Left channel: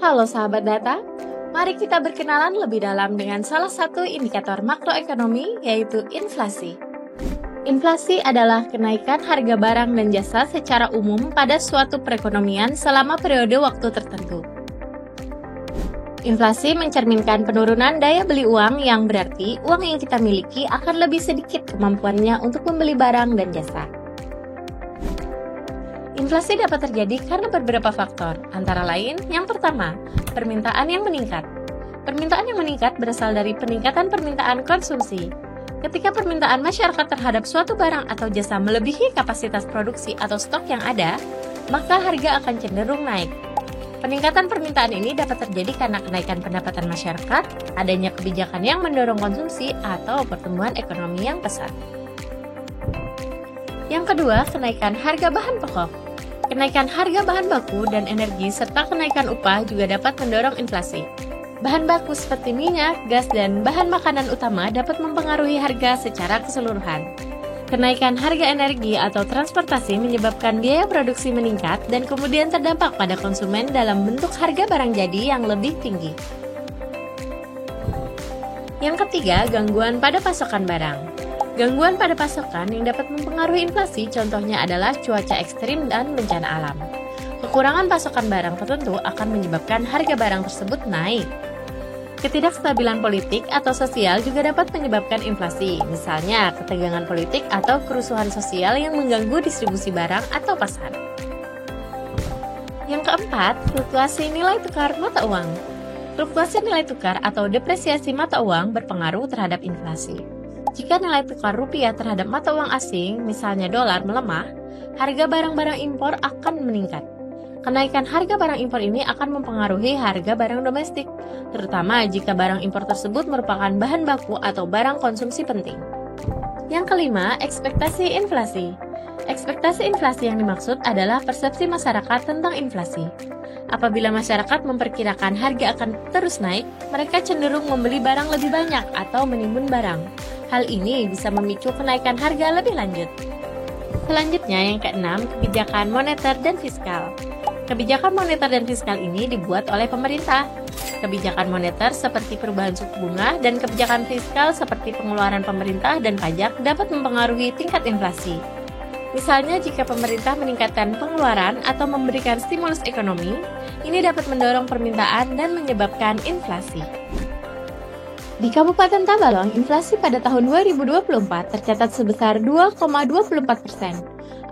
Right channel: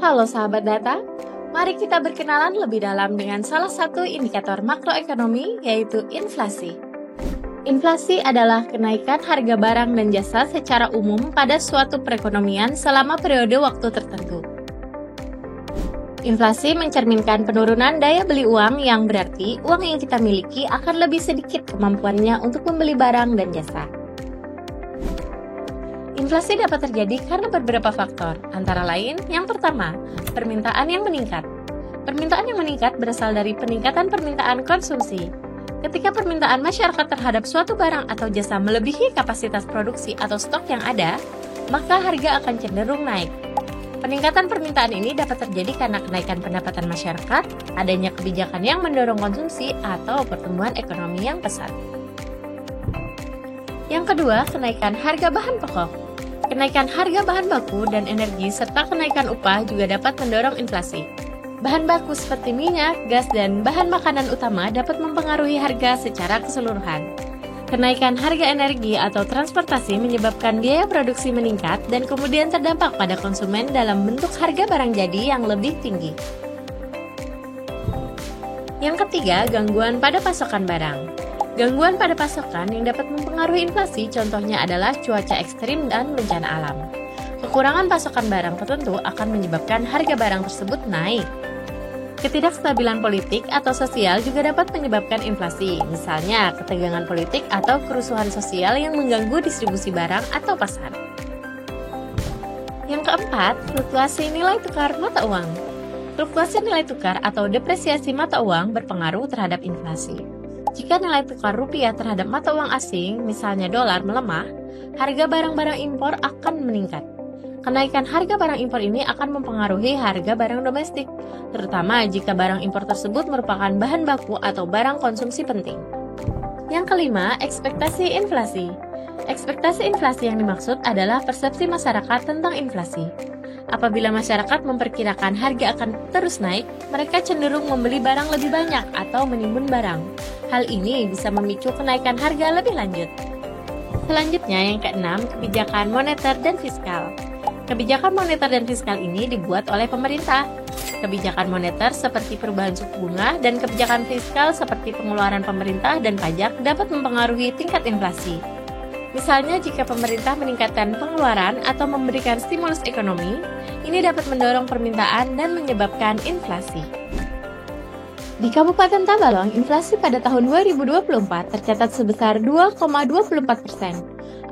Halo sahabat data, mari kita berkenalan lebih dalam dengan salah satu indikator makroekonomi yaitu inflasi. Inflasi adalah kenaikan harga barang dan jasa secara umum pada suatu perekonomian selama periode waktu tertentu. Inflasi mencerminkan penurunan daya beli uang yang berarti uang yang kita miliki akan lebih sedikit kemampuannya untuk membeli barang dan jasa. Inflasi dapat terjadi karena beberapa faktor, antara lain, yang pertama, permintaan yang meningkat. Permintaan yang meningkat berasal dari peningkatan permintaan konsumsi. Ketika permintaan masyarakat terhadap suatu barang atau jasa melebihi kapasitas produksi atau stok yang ada, maka harga akan cenderung naik. Peningkatan permintaan ini dapat terjadi karena kenaikan pendapatan masyarakat, adanya kebijakan yang mendorong konsumsi, atau pertumbuhan ekonomi yang pesat. Yang kedua, kenaikan harga bahan pokok. Kenaikan harga bahan baku dan energi serta kenaikan upah juga dapat mendorong inflasi. Bahan baku seperti minyak, gas, dan bahan makanan utama dapat mempengaruhi harga secara keseluruhan. Kenaikan harga energi atau transportasi menyebabkan biaya produksi meningkat dan kemudian terdampak pada konsumen dalam bentuk harga barang jadi yang lebih tinggi. Yang ketiga, gangguan pada pasokan barang. Gangguan pada pasokan yang dapat mempengaruhi inflasi contohnya adalah cuaca ekstrim dan bencana alam. Kekurangan pasokan barang tertentu akan menyebabkan harga barang tersebut naik. Ketidakstabilan politik atau sosial juga dapat menyebabkan inflasi, misalnya ketegangan politik atau kerusuhan sosial yang mengganggu distribusi barang atau pasar. Yang keempat, fluktuasi nilai tukar mata uang. Fluktuasi nilai tukar atau depresiasi mata uang berpengaruh terhadap inflasi. Jika nilai tukar rupiah terhadap mata uang asing, misalnya dolar, melemah, harga barang-barang impor akan meningkat. Kenaikan harga barang impor ini akan mempengaruhi harga barang domestik, terutama jika barang impor tersebut merupakan bahan baku atau barang konsumsi penting. Yang kelima, ekspektasi inflasi. Ekspektasi inflasi yang dimaksud adalah persepsi masyarakat tentang inflasi. Apabila masyarakat memperkirakan harga akan terus naik, mereka cenderung membeli barang lebih banyak atau menimbun barang. Hal ini bisa memicu kenaikan harga lebih lanjut. Selanjutnya yang keenam, kebijakan moneter dan fiskal. Kebijakan moneter dan fiskal ini dibuat oleh pemerintah. Kebijakan moneter seperti perubahan suku bunga dan kebijakan fiskal seperti pengeluaran pemerintah dan pajak dapat mempengaruhi tingkat inflasi. Misalnya jika pemerintah meningkatkan pengeluaran atau memberikan stimulus ekonomi, ini dapat mendorong permintaan dan menyebabkan inflasi. Di Kabupaten Tabalong, inflasi pada tahun 2024 tercatat sebesar 2,24%.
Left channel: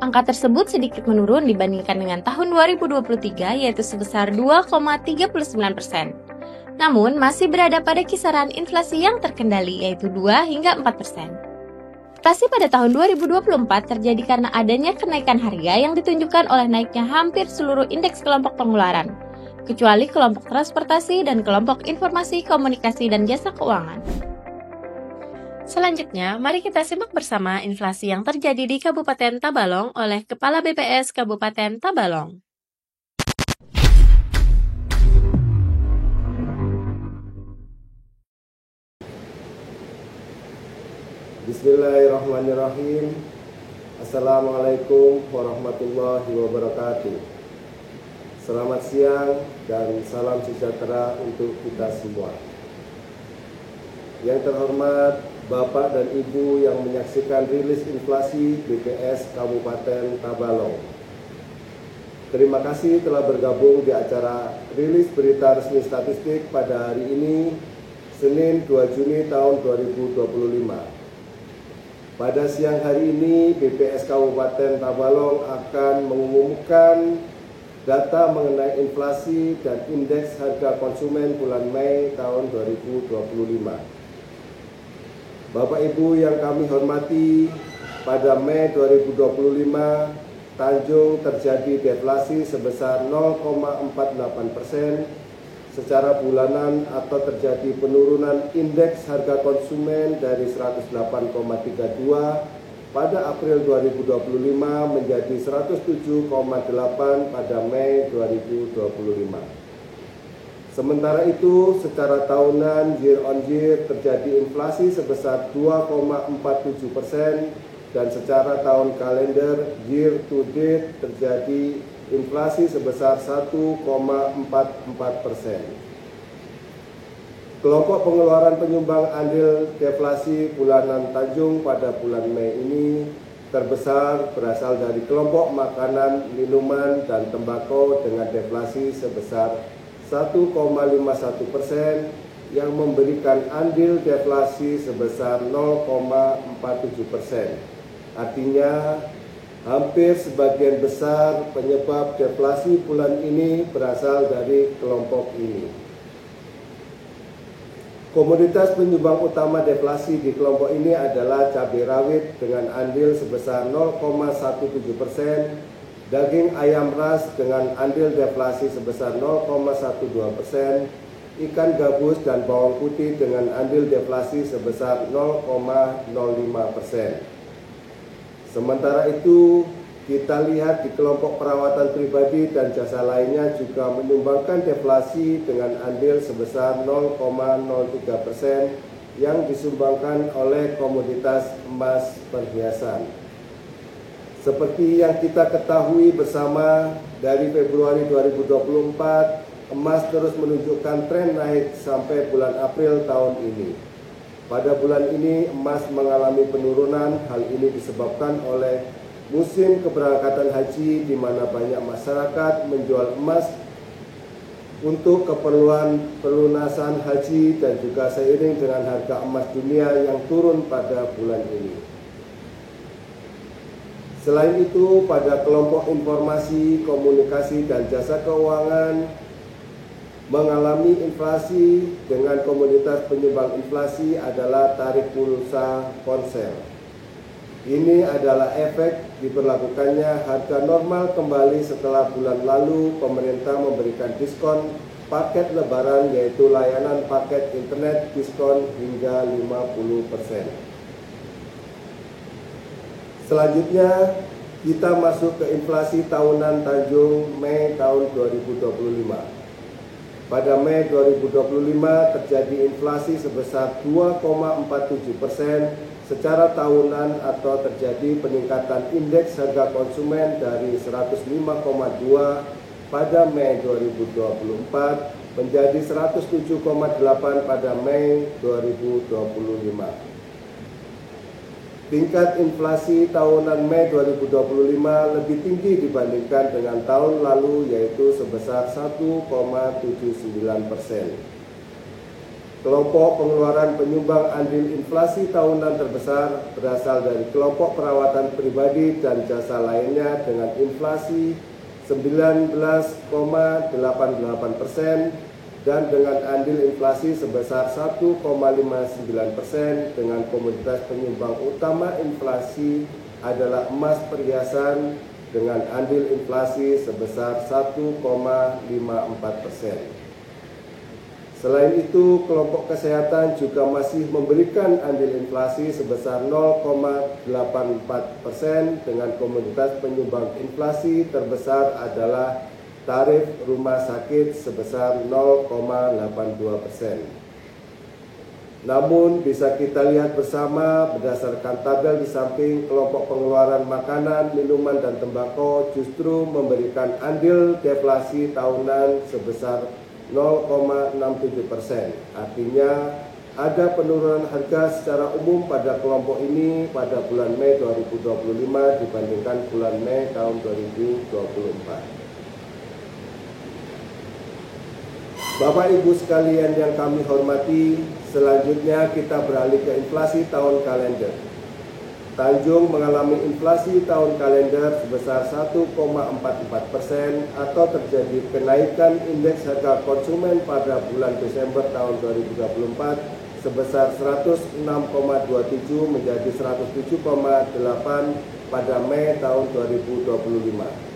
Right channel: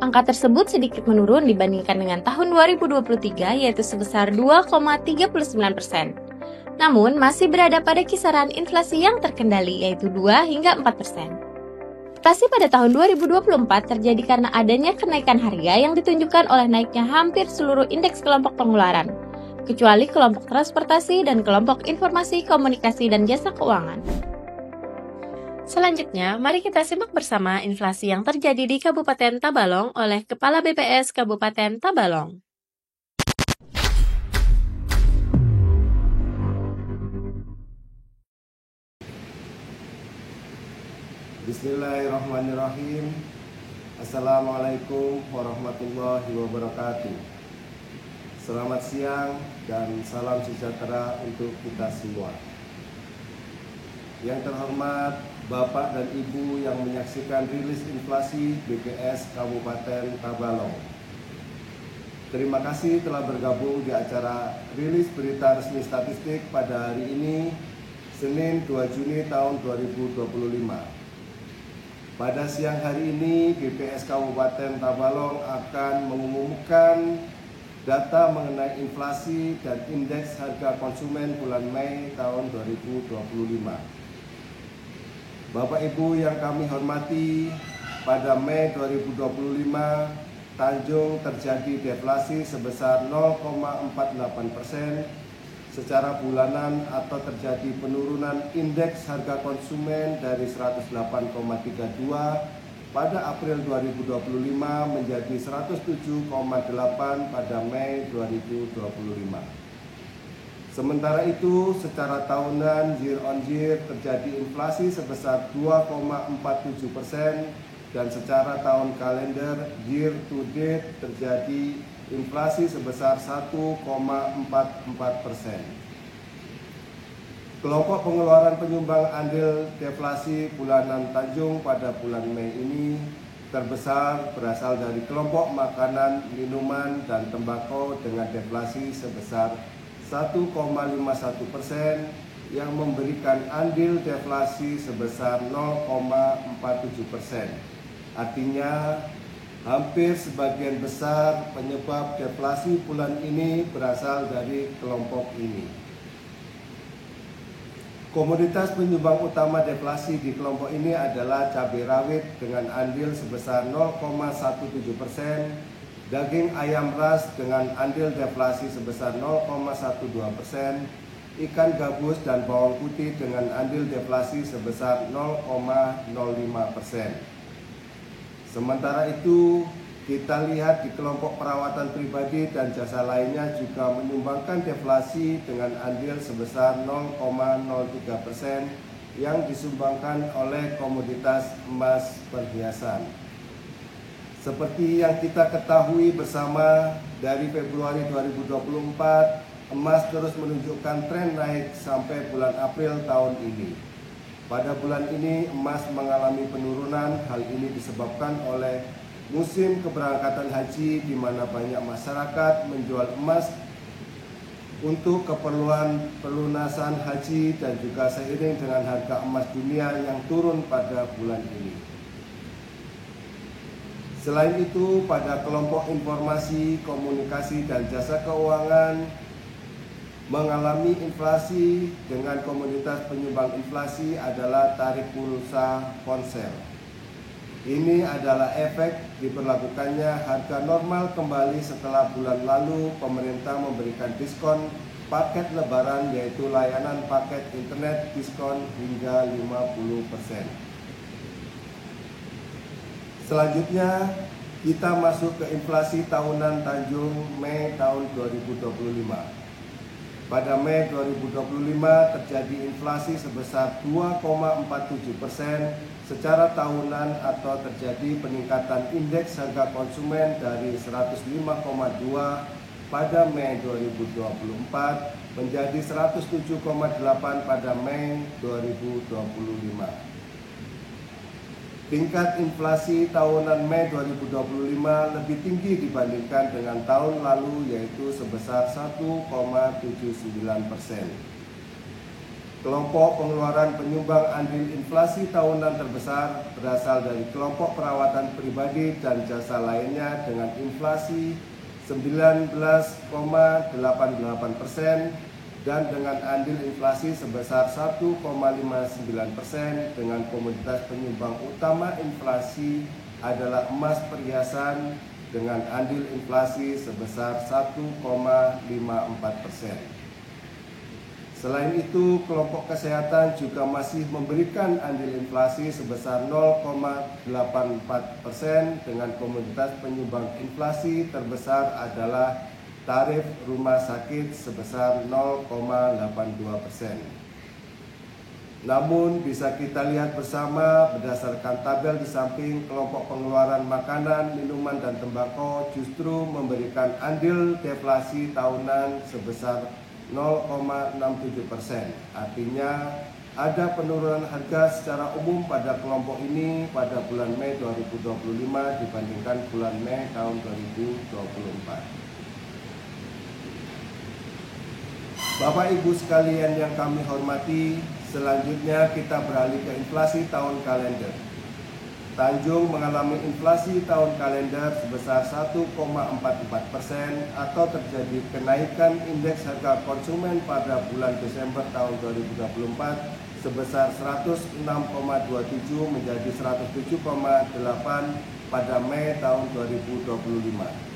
Angka tersebut sedikit menurun dibandingkan dengan tahun 2023 yaitu sebesar 2,39%. Namun masih berada pada kisaran inflasi yang terkendali yaitu 2 hingga 4%. Inflasi pada tahun 2024 terjadi karena adanya kenaikan harga yang ditunjukkan oleh naiknya hampir seluruh indeks kelompok pengeluaran, kecuali kelompok transportasi dan kelompok informasi, komunikasi, dan jasa keuangan. Selanjutnya, mari kita simak bersama inflasi yang terjadi di Kabupaten Tabalong oleh Kepala BPS Kabupaten Tabalong. Bismillahirrahmanirrahim. Assalamualaikum warahmatullahi wabarakatuh. Selamat siang dan salam sejahtera untuk kita semua. Yang terhormat Bapak dan Ibu yang menyaksikan rilis inflasi BPS Kabupaten Tabalong. Terima kasih telah bergabung di acara rilis berita resmi statistik pada hari ini, Senin 2 Juni tahun 2025. Pada siang hari ini, BPS Kabupaten Tabalong akan mengumumkan data mengenai inflasi dan indeks harga konsumen bulan Mei tahun 2025. Bapak Ibu yang kami hormati, pada Mei 2025, Tanjung terjadi deflasi sebesar 0,48% secara bulanan atau terjadi penurunan indeks harga konsumen dari 108,32 pada April 2025 menjadi 107,8 pada Mei 2025. Sementara itu, secara tahunan year on year terjadi inflasi sebesar 2,47% dan secara tahun kalender year to date terjadi inflasi sebesar 1,44%. Kelompok pengeluaran penyumbang andil deflasi bulanan Tanjung pada bulan Mei ini terbesar berasal dari kelompok makanan, minuman, dan tembakau dengan deflasi sebesar 1,51% yang memberikan andil deflasi sebesar 0,47%. Artinya, hampir sebagian besar penyebab deflasi bulan ini berasal dari kelompok ini. Komoditas penyumbang utama deflasi di kelompok ini adalah cabai rawit dengan andil sebesar 0,17%, daging ayam ras dengan andil deflasi sebesar 0,12%, ikan gabus dan bawang putih dengan andil deflasi sebesar 0,05%. Sementara itu, kita lihat di kelompok perawatan pribadi dan jasa lainnya juga menyumbangkan deflasi dengan andil sebesar 0,03% yang disumbangkan oleh komoditas emas perhiasan. Seperti yang kita ketahui bersama, dari Februari 2024, emas terus menunjukkan tren naik sampai bulan April tahun ini. Pada bulan ini emas mengalami penurunan. Hal ini disebabkan oleh musim keberangkatan haji di mana banyak masyarakat menjual emas untuk keperluan pelunasan haji dan juga seiring dengan harga emas dunia yang turun pada bulan ini. Selain itu, pada kelompok informasi, komunikasi, dan jasa keuangan mengalami inflasi dengan komoditas penyumbang inflasi adalah tarif pulsa ponsel. Ini adalah efek diberlakukannya harga normal kembali setelah bulan lalu pemerintah memberikan diskon paket lebaran, yaitu layanan paket internet diskon hingga 50%. Selanjutnya, kita masuk ke inflasi tahunan Tanjung Mei tahun 2025. Pada Mei 2025 terjadi inflasi sebesar 2,47% secara tahunan atau terjadi peningkatan indeks harga konsumen dari 105,2 pada Mei 2024 menjadi 107,8 pada Mei 2025. Tingkat inflasi tahunan Mei 2025 lebih tinggi dibandingkan dengan tahun lalu, yaitu sebesar 1,79%. Kelompok pengeluaran penyumbang andil inflasi tahunan terbesar berasal dari kelompok perawatan pribadi dan jasa lainnya dengan inflasi 19,88% dan dengan andil inflasi sebesar 1,59%. Dengan komoditas penyumbang utama inflasi adalah emas perhiasan dengan andil inflasi sebesar 1,54%. Selain itu, kelompok kesehatan juga masih memberikan andil inflasi sebesar 0,84%. Dengan komoditas penyumbang inflasi terbesar adalah tarif rumah sakit sebesar 0,82%. Namun bisa kita lihat bersama berdasarkan tabel di samping, kelompok pengeluaran makanan, minuman, dan tembakau justru memberikan andil deflasi tahunan sebesar 0,67%. Artinya ada penurunan harga secara umum pada kelompok ini pada bulan Mei 2025 dibandingkan bulan Mei tahun 2024. Bapak Ibu sekalian yang kami hormati, selanjutnya kita beralih ke inflasi tahun kalender. Tanjung mengalami inflasi tahun kalender sebesar 1,44% atau terjadi kenaikan indeks harga konsumen pada bulan Desember tahun 2024 sebesar 106,27 menjadi 107,8 pada Mei tahun 2025.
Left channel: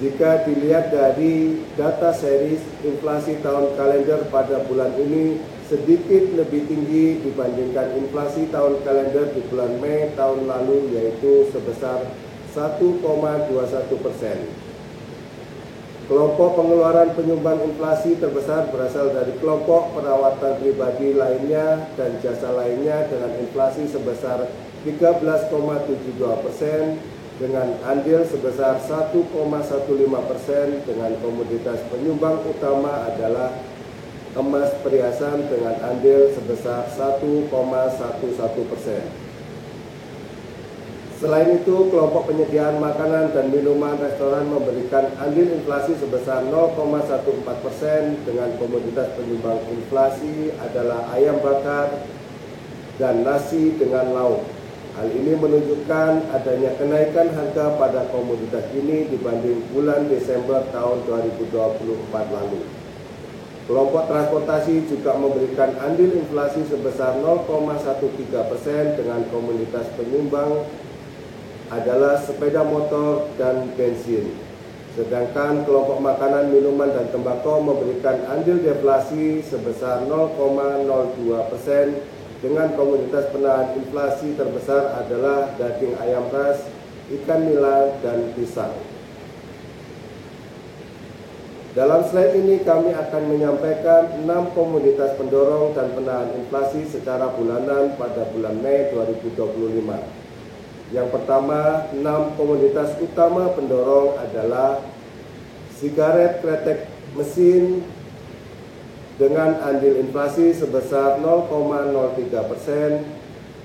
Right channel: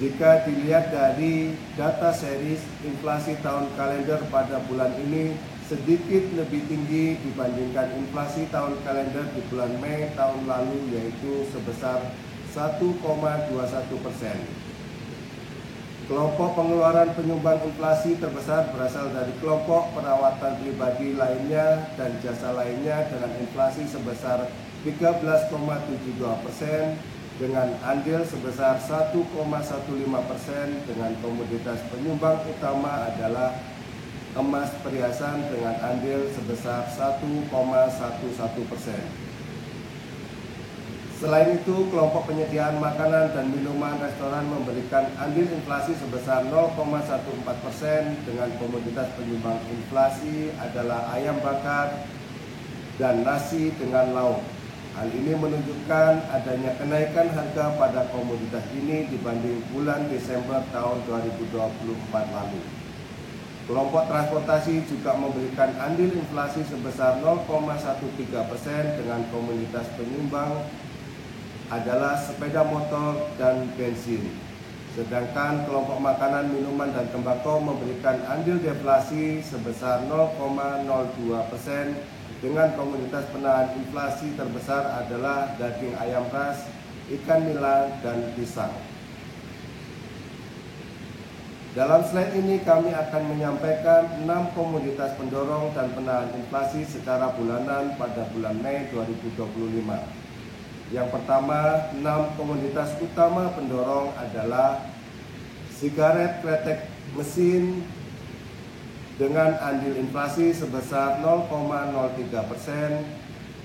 Jika dilihat dari data series, inflasi tahun kalender pada bulan ini sedikit lebih tinggi dibandingkan inflasi tahun kalender di bulan Mei tahun lalu, yaitu sebesar 1,21%. Kelompok pengeluaran penyumbang inflasi terbesar berasal dari kelompok perawatan pribadi lainnya dan jasa lainnya dengan inflasi sebesar 13,72%, dengan andil sebesar 1,15% dengan komoditas penyumbang utama adalah emas perhiasan dengan andil sebesar 1,11%. Selain itu, kelompok penyediaan makanan dan minuman restoran memberikan andil inflasi sebesar 0,14% dengan komoditas penyumbang inflasi adalah ayam bakar dan nasi dengan lauk. Hal ini menunjukkan adanya kenaikan harga pada komoditas ini dibanding bulan Desember tahun 2024 lalu. Kelompok transportasi juga memberikan andil inflasi sebesar 0,13% dengan komoditas penyumbang adalah sepeda motor dan bensin. Sedangkan kelompok makanan, minuman, dan tembakau memberikan andil deflasi sebesar 0,02% dengan komoditas penahan inflasi terbesar adalah daging ayam ras, ikan nila, dan pisang. Dalam slide ini kami akan menyampaikan 6 komoditas pendorong dan penahan inflasi secara bulanan pada bulan Mei 2025. Yang pertama, 6 komoditas utama pendorong adalah sigaret kretek mesin dengan andil inflasi sebesar 0,03%,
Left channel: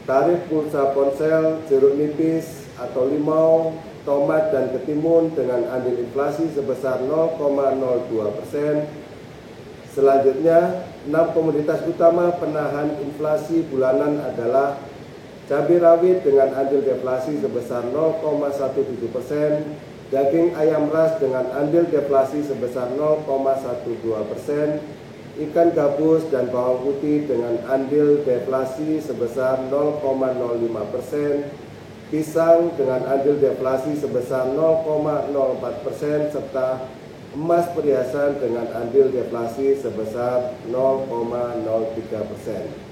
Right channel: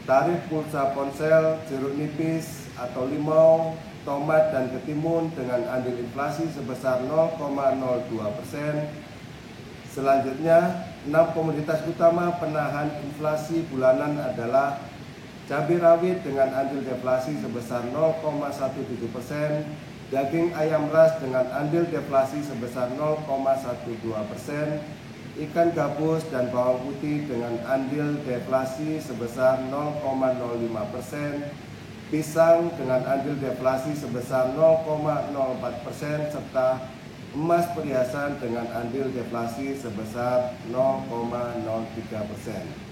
tarif pulsa ponsel, jeruk nipis atau limau, tomat dan ketimun dengan andil inflasi sebesar 0,02%. Selanjutnya, 6 komoditas utama penahan inflasi bulanan adalah cabai rawit dengan andil deflasi sebesar 0,17%, daging ayam ras dengan andil deflasi sebesar 0,12%, ikan gabus dan bawang putih dengan andil deflasi sebesar 0,05%, pisang dengan andil deflasi sebesar 0,04%, serta emas perhiasan dengan andil deflasi sebesar 0,03%.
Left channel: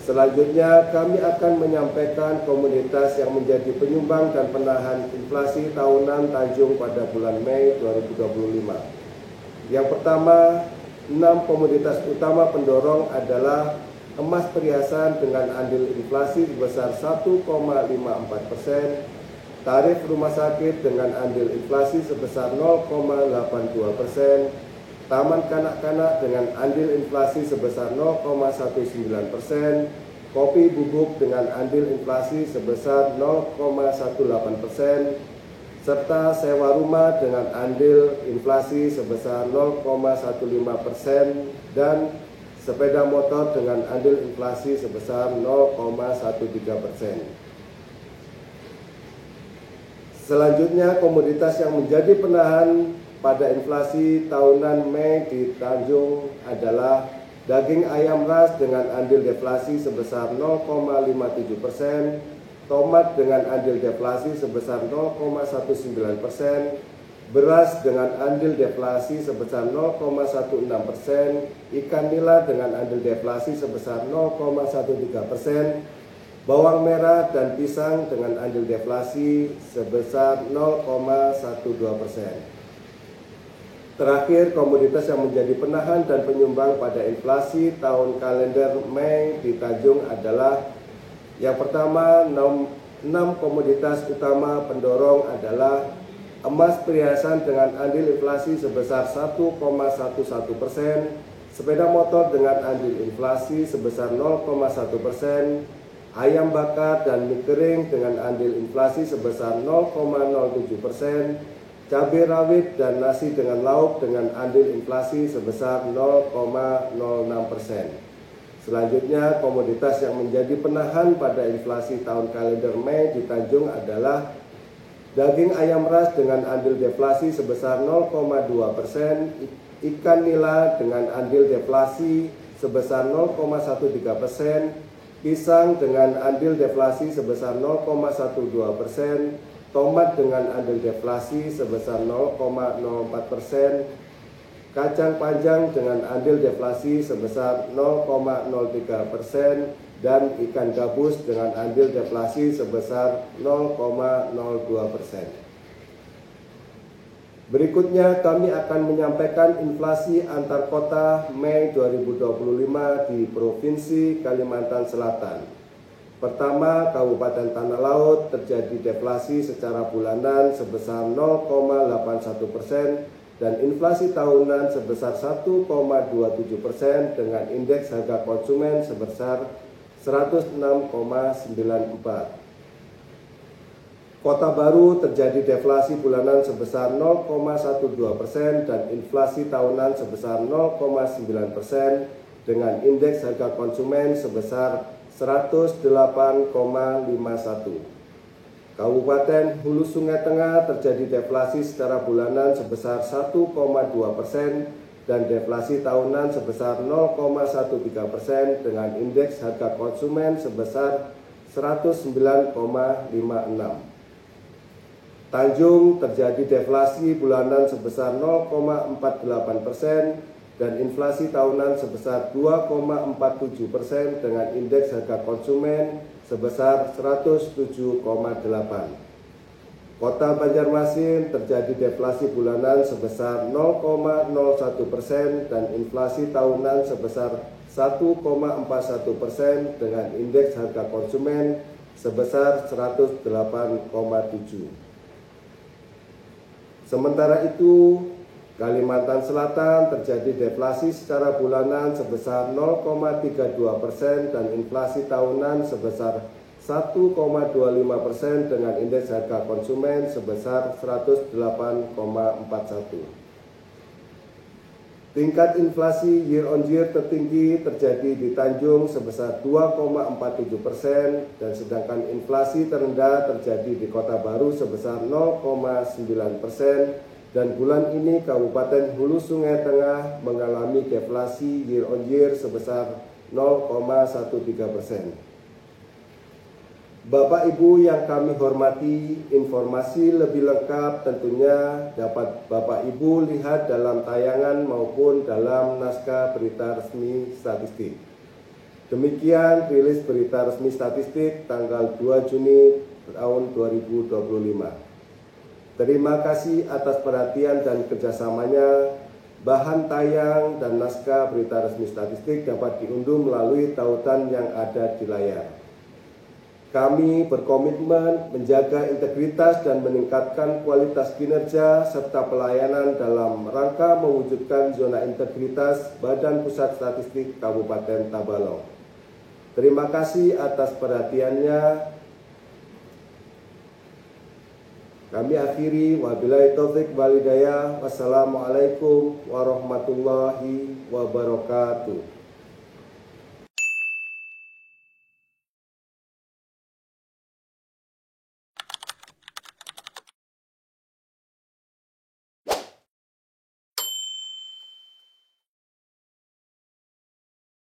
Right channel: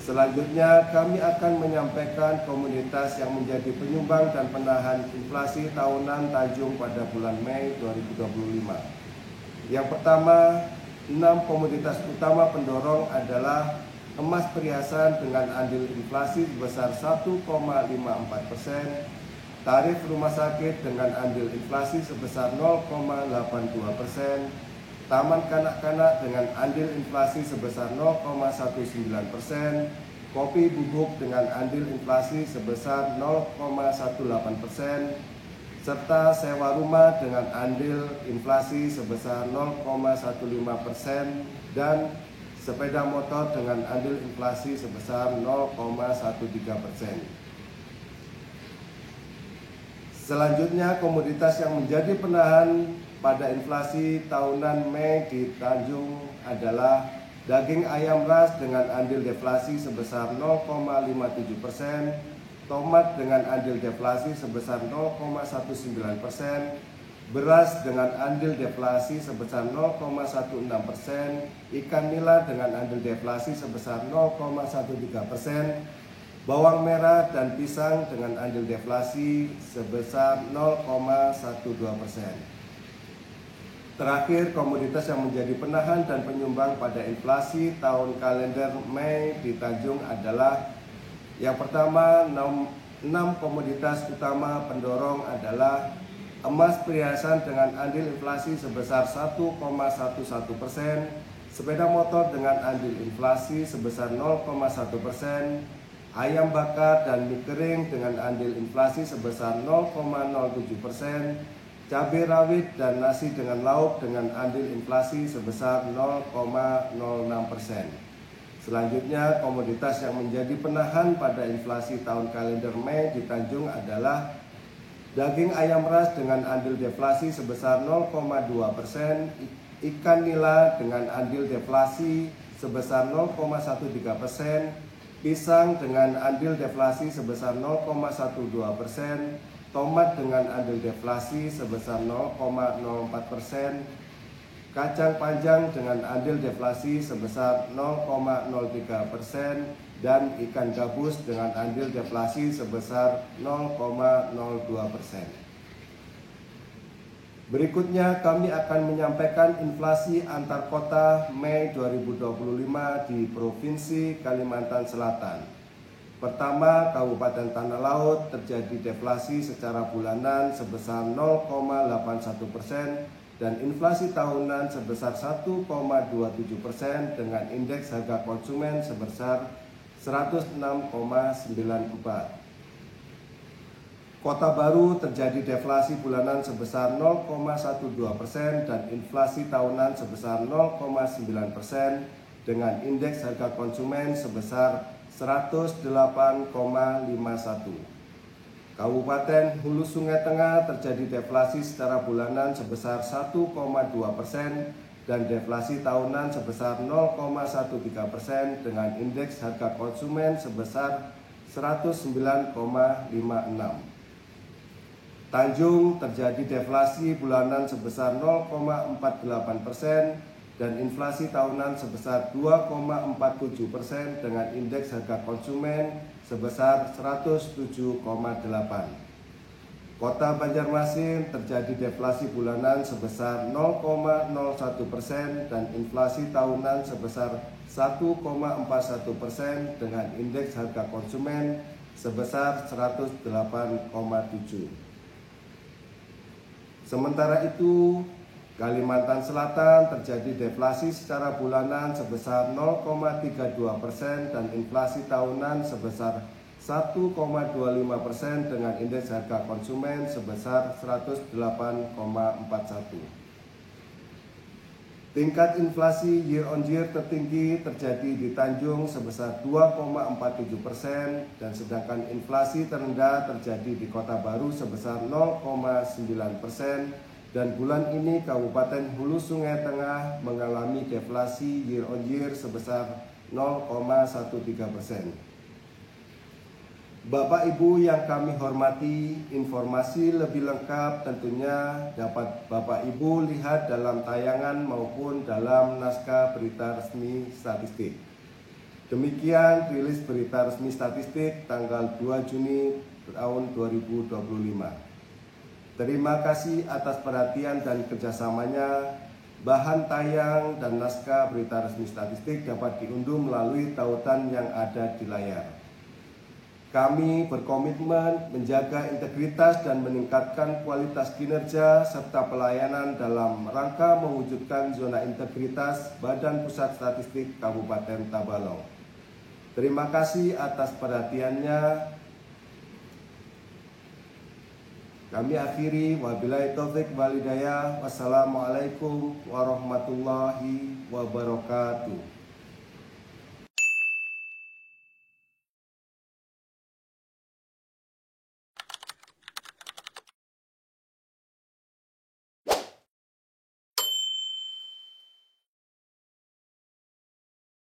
Selanjutnya, kami akan menyampaikan komoditas yang menjadi penyumbang dan penahan inflasi tahunan Tanjung pada bulan Mei 2025. Yang pertama, 6 komoditas utama pendorong adalah emas perhiasan dengan andil inflasi sebesar 1,54%, tarif rumah sakit dengan andil inflasi sebesar 0,82%, taman kanak-kanak dengan andil inflasi sebesar 0,19%, kopi bubuk dengan andil inflasi sebesar 0,18%, serta sewa rumah dengan andil inflasi sebesar 0,15% dan sepeda motor dengan andil inflasi sebesar 0,13%. Selanjutnya, komoditas yang menjadi penahan pada inflasi tahunan Mei di Tanjung adalah daging ayam ras dengan andil deflasi sebesar 0,57%, tomat dengan andil deflasi sebesar 0,19%, beras dengan andil deflasi sebesar 0,16%, ikan nila dengan andil deflasi sebesar 0,13%, bawang merah dan pisang dengan andil deflasi sebesar 0,12%. Terakhir, komoditas yang menjadi penahan dan penyumbang pada inflasi tahun kalender Mei di Tanjung adalah yang pertama, 6 komoditas utama pendorong adalah emas perhiasan dengan andil inflasi sebesar 1,11%, sepeda motor dengan andil inflasi sebesar 0,1%, ayam bakar dan mie kering dengan andil inflasi sebesar 0,07%, cabai rawit dan nasi dengan lauk dengan andil inflasi sebesar 0,06%. Selanjutnya, komoditas yang menjadi penahan pada inflasi tahun kalender Mei di Tanjung adalah daging ayam ras dengan andil deflasi sebesar 0,2%, ikan nila dengan andil deflasi sebesar 0,13%, pisang dengan andil deflasi sebesar 0,12%, tomat dengan andil deflasi sebesar 0,04%, kacang panjang dengan andil deflasi sebesar 0,03%, dan ikan gabus dengan andil deflasi sebesar 0,02%. Berikutnya kami akan menyampaikan inflasi antar kota Mei 2025 di Provinsi Kalimantan Selatan. Pertama, Kabupaten Tanah Laut terjadi deflasi secara bulanan sebesar 0,81% dan inflasi tahunan sebesar 1,27% dengan indeks harga konsumen sebesar 106,94. Kota Baru terjadi deflasi bulanan sebesar 0,12% dan inflasi tahunan sebesar 0,9% dengan indeks harga konsumen sebesar 108,51. Kabupaten Hulu Sungai Tengah terjadi deflasi secara bulanan sebesar 1,2% dan deflasi tahunan sebesar 0,13% dengan indeks harga konsumen sebesar 109,56. Tanjung terjadi deflasi bulanan sebesar 0,48% dan inflasi tahunan sebesar 2,47% dengan indeks harga konsumen sebesar 107,8. Kota Banjarmasin terjadi deflasi bulanan sebesar 0,01% dan inflasi tahunan sebesar 1,41% dengan indeks harga konsumen sebesar 108,7. Sementara itu, Kalimantan Selatan terjadi deflasi secara bulanan sebesar 0,32% dan inflasi tahunan sebesar 1,25% dengan indeks harga konsumen sebesar 108,41. Tingkat inflasi year on year tertinggi terjadi di Tanjung sebesar 2,47% dan sedangkan inflasi terendah terjadi di Kota Baru sebesar 0,9% dan bulan ini Kabupaten Hulu Sungai Tengah mengalami deflasi year on year sebesar 0,13%. Bapak Ibu yang kami hormati, informasi lebih lengkap tentunya dapat Bapak Ibu lihat dalam tayangan maupun dalam naskah berita resmi statistik. Demikian rilis berita resmi statistik tanggal 2 Juni tahun 2025. Terima kasih atas perhatian dan kerjasamanya. Bahan tayang dan naskah berita resmi statistik dapat diunduh melalui tautan yang ada di layar. Kami berkomitmen menjaga integritas dan meningkatkan kualitas kinerja serta pelayanan dalam rangka mewujudkan zona integritas Badan Pusat Statistik Kabupaten Tabalong. Terima kasih atas perhatiannya. Kami akhiri, wabillahi taufik wal hidayah. Wassalamualaikum warahmatullahi wabarakatuh.